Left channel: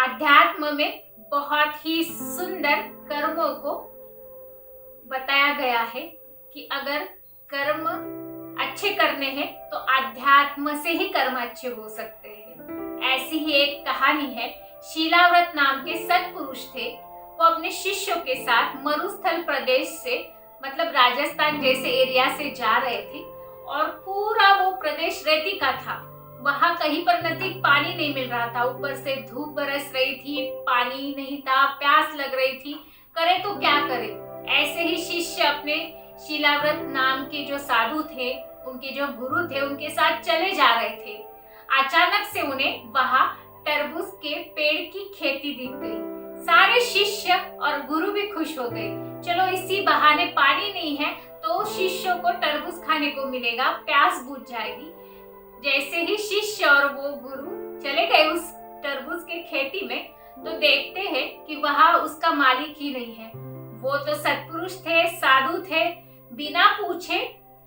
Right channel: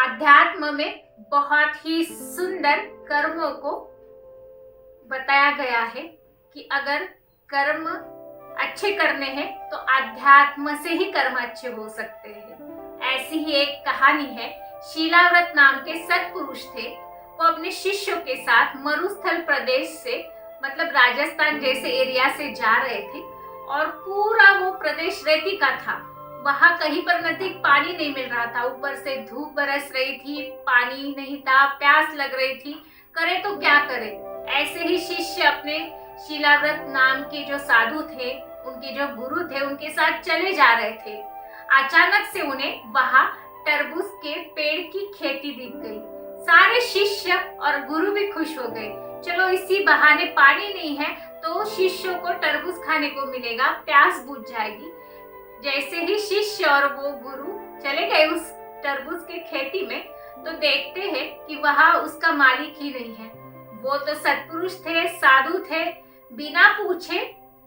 अध्यात्म में बहुत ही सुंदर कर्मों को बताया गया है कि अगर कर्म अच्छे करने हैं तो अध्यात्म से ही कर्म अच्छे हो सकते हैं। ऐसी ही एक कहानी है। शीलाव्रत नाम के सत्पुरुष थे। वो अपने शिष्यों के साथ मरुस्थल प्रदेश से मतलब राजस्थान जैसे एरिया से जा रहे थे और पूरा वो प्रदेश रेती का था। वहां कहीं पर नजदीक पानी नहीं मिल रहा था, ऊपर से धूप बरस रही थी, पानी नहीं था, प्यास लग रही थी, करे तो क्या करे। ऐसे ही शिष्य अपने शीलाव्रत नाम के जो साधु थे, उनके जो गुरु थे, उनके साथ चले जा रहे थे। अचानक से उन्हें वहां तरबूज के पेड़ की खेती दिख गई। सारे शिष्य और गुरु भी खुश हो गए। चलो इसी बहाने पानी नहीं है तो शिष्यों को तरबूज खाने को मिलेगा, प्यास बुझ जाएगी। जैसे ही शिष्य और वो गुरु चले गए उस तरबूज के खेती में तो देखते हैं कि वहां उसका मालिक ही नहीं है। वो तो सत्पुरुष थे, साधु थे, बिना पूछे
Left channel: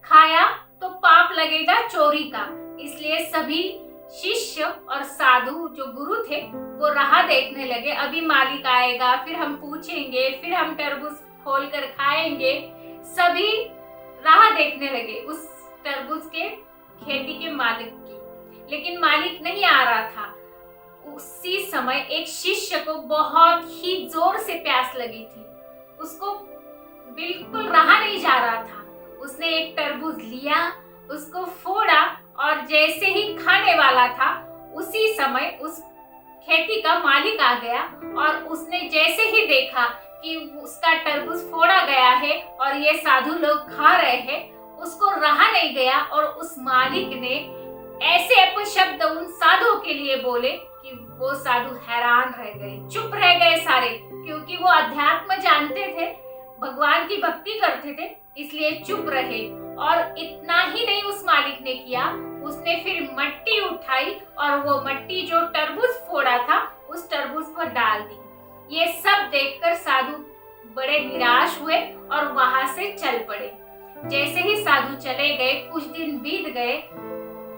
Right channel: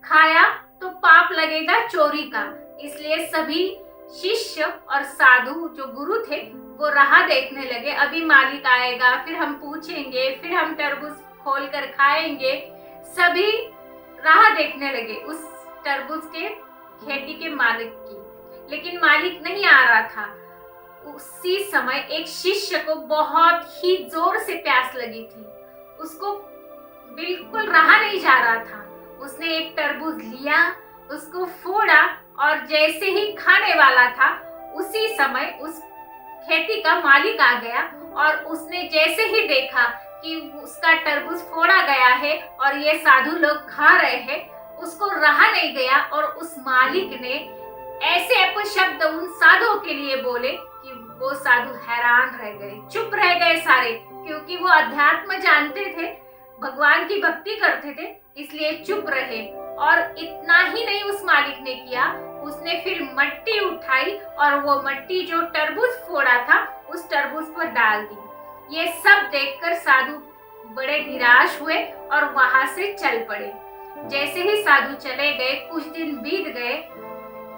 खाया तो पाप लगेगा चोरी का। इसलिए सभी शिष्य और साधु जो गुरु थे वो राह देखने लगे, अभी मालिक आएगा, फिर हम पूछेंगे, फिर हम तरबूज खोल कर खाएंगे। सभी राह देखने लगे उस तरबूज के खेती के मालिक की, लेकिन मालिक नहीं आ रहा था। उसी समय एक शिष्य को बहुत ही जोर से प्यास लगी थी। उसको बिल्कुल रहा नहीं जा रहा था। उसने एक तरबूज लिया, उसको फोड़ा और जैसे ही खाने वाला था उसी समय उस खेती का मालिक आ गया और उसने जैसे ही देखा कि उसका तरबूज फोड़ा गया है और ये साधु लोग खा रहे हैं, उसको रहा नहीं गया और उस मालिक ने ऐसे अपशब्द उन साधुओं के लिए बोले कि वो साधु हैरान रह गए, चुप रह गए सारे, क्योंकि वो अध्यात्म जानते थे, भगवान की भक्ति करते थे, इसलिए चुप रहे। और इतना ही नहीं उस मालिक ने किया, उसने फिर मट्टी उठाई और वो मट्टी जो तरबूज फोड़ा था उस तरबूज पर डाल दी। ये सब देखकर साधु बड़े निराश हुए और वहां से चल पड़े। जैसे ही साधु चले गए, कुछ दिन बीत गए,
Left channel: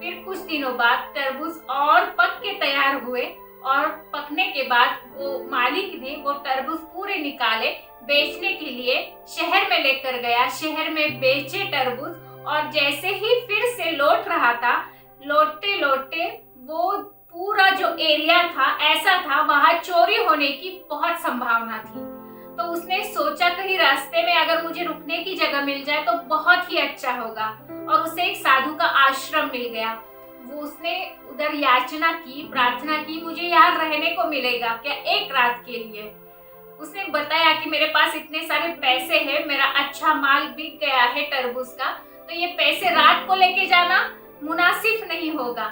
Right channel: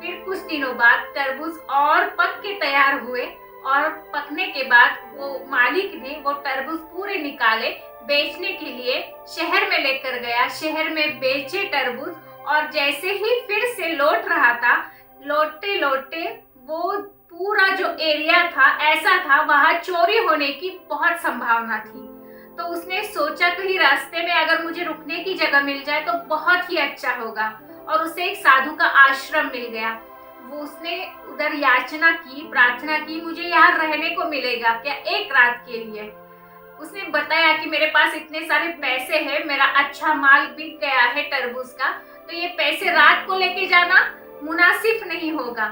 फिर कुछ दिनों बाद तरबूज और पक के तैयार हुए और पकने के बाद वो मालिक ने वो तरबूज पूरे निकाले, बेचने के लिए शहर में लेकर गया। शहर में बेचे तरबूज और जैसे ही फिर से लौट रहा था, लौटते लौटते वो पूरा जो एरिया था ऐसा था, वहां चोरी होने की बहुत संभावना थी। तो उसने सोचा कहीं रास्ते में अगर मुझे रुकने की जगह मिल जाए तो बहुत ही अच्छा होगा, और उसे एक साधु का आश्रम मिल गया। वो उसने उधर याचना की, प्रार्थना की, मुझे यहाँ रहने को मिलेगा क्या एक रात के लिए। उसने बताया कि मेरे पास इतने सारे पैसे हैं, मेरा अच्छा माल बिक गया है तरबूज का, तो ये पैसे रात को लेके जाना मुनासिब नहीं होगा।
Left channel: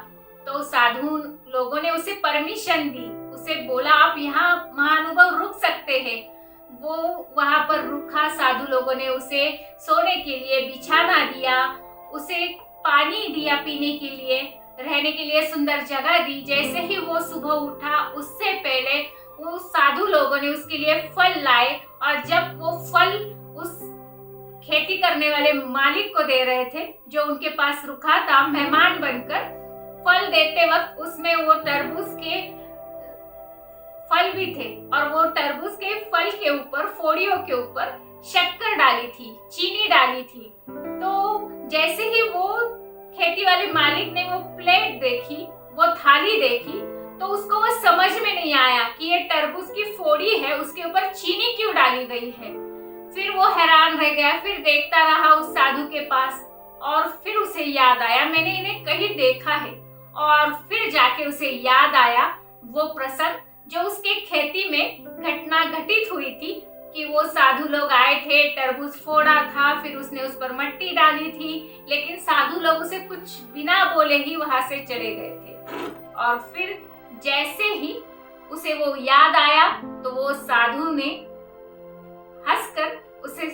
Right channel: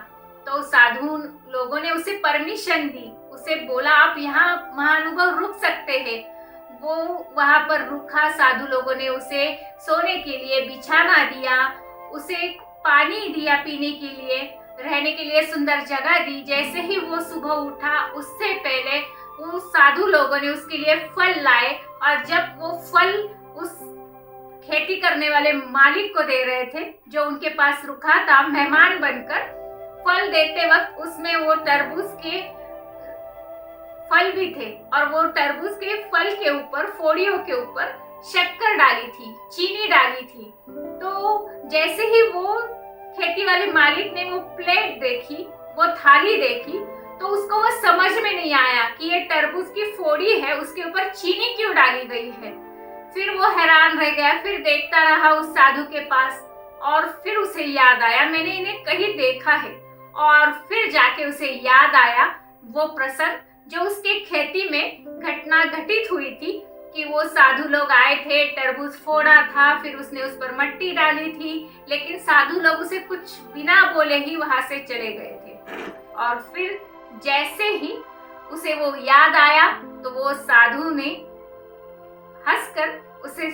तो साधु लोगों ने उसे परमिशन दी, उसे बोला आप यहाँ महानुभव रुक सकते हैं। वो वहां पर रुका। साधु लोगों ने उसे सोने के लिए बिछाना दिया, उसे पानी दिया पीने के लिए, रहने के लिए सुंदर जगह दी। जैसे ही वो सुबह उठा उससे पहले वो साधु लोगों ने उसके लिए फल लाए और जब वो फल उस खेती करने वाले मालिक को दे रहे थे जो उनके पास रुका था मेहमान बनकर, फल देते वक्त उसमें वो तरबूज के फल भी थे और वो तरबूज के फल के ऊपर, फोड़ियों के ऊपर शक्कर डाली थी, चीनी डाली थी। तो जैसे ही वो खेती वाले मालिक ने वो प्लेट देखी, वो थाली देखी, तो उसको वो समझ में नहीं आया कि ये तरबूज की फोड़ी है, उसके ऊपर चीनी क्यों डाली गई है। फिर वो हैरान रह गया, फिर देखता रहा उस साधु के पास और फिर उसे याद आया मैंने इन्हें कहीं देखा है। और फिर जाके उसे याद आया वो प्रसंग जो उसके खेती में घटना घटित हुई थी कि वो साधु लोग आए थे, तरबूज फोड़ा था, फिर उसने उस पर मट्टी डाली थी, लेकिन साधु लोग उसे कुछ बिना बोले ही वहां से चले गए थे। और फिर जैसे ही उसे वो याद आया तो वो साधु ने हंसकर उसे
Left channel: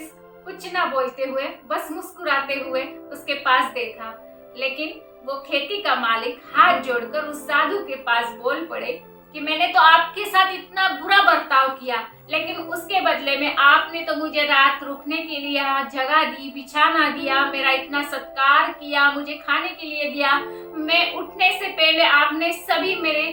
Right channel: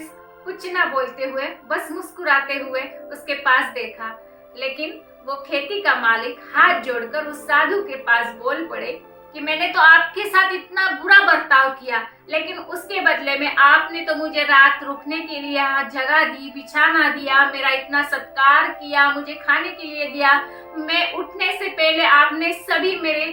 कुछ ना बोलते हुए, बस मुस्कुराते हुए उसके पास देखा। लेकिन वो खेती का मालिक हाथ जोड़कर उस साधु के पास बोल पड़े कि मैंने तो आपके साथ इतना बुरा बर्ताव किया, लेकिन उसके बदले में आपने तो मुझे रात रुकने के लिए जगह दी, बिछाना दिया, मेरा इतना सत्कार किया, मुझे खाने के लिए दिया। मैं उठने से पहले आपने सभी मेरे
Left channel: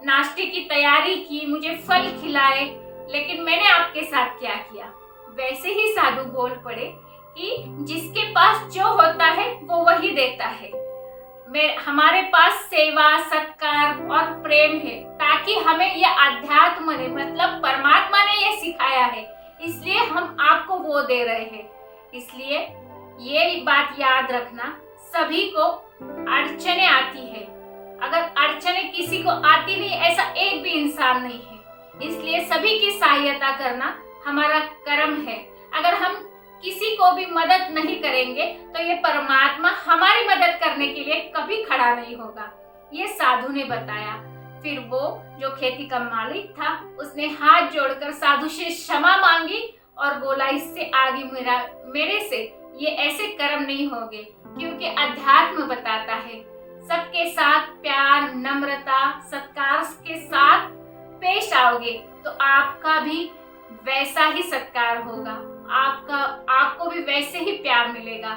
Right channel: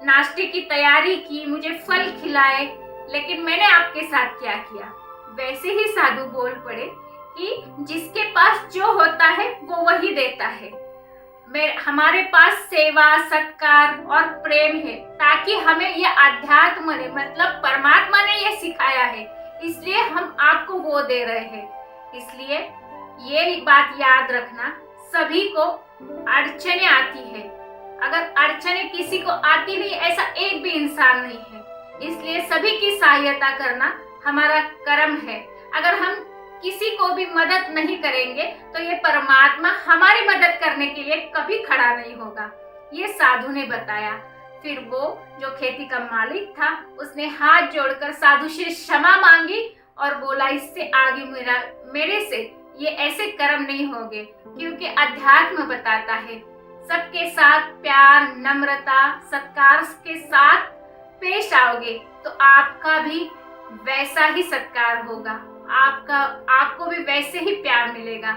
नाश्ते की तैयारी की, मुझे फल खिलाए, लेकिन मैंने आपके साथ क्या किया? वैसे ही साधु बोल पड़े कि जिसके पास जो होता है वो वही देता है। हमारे पास सेवा, सत्कार और प्रेम है, ताकि हमें ये अध्यात्म ने मतलब परमात्मा ने ये सिखाया है, इसलिए हम आपको वो दे रहे हैं। इसलिए ये बात याद रखना, सभी को अड़चने आती है। अगर अड़चने किसी को आती नहीं, ऐसा एक भी इंसान नहीं है। इसलिए सभी की सहायता करना हमारा कर्म है। अगर हम किसी को भी मदद नहीं करेंगे तो ये परमात्मा हमारी मदद करने के लिए कभी खड़ा नहीं होगा। ये साधु ने बताया। फिर वो जो खेती का मालिक था, उसने हाथ जोड़कर साधु से क्षमा मांगी और बोला, इससे आगे मेरे से ये ऐसे कर्म नहीं होंगे, क्योंकि अध्यात्म बताता है सबके साथ प्यार, नम्रता, सत्कार के साथ पेश आओगे तो आपका भी वैसा ही सत्कार होगा, आपको भी वैसे ही प्यार मिलेगा।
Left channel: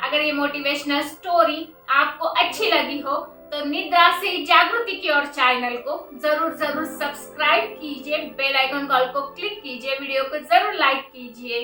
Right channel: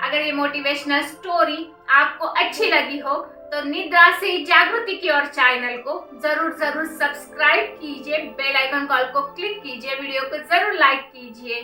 अगर ये मोटिवेशनल स्टोरी आपको अच्छी लगी हो तो निद्रा से जागृति की ओर चैनल को जरूर सब्सक्राइब कीजिए, बेल आइकन कॉल को क्लिक कीजिए, वीडियो को जरूर लाइक कीजिए।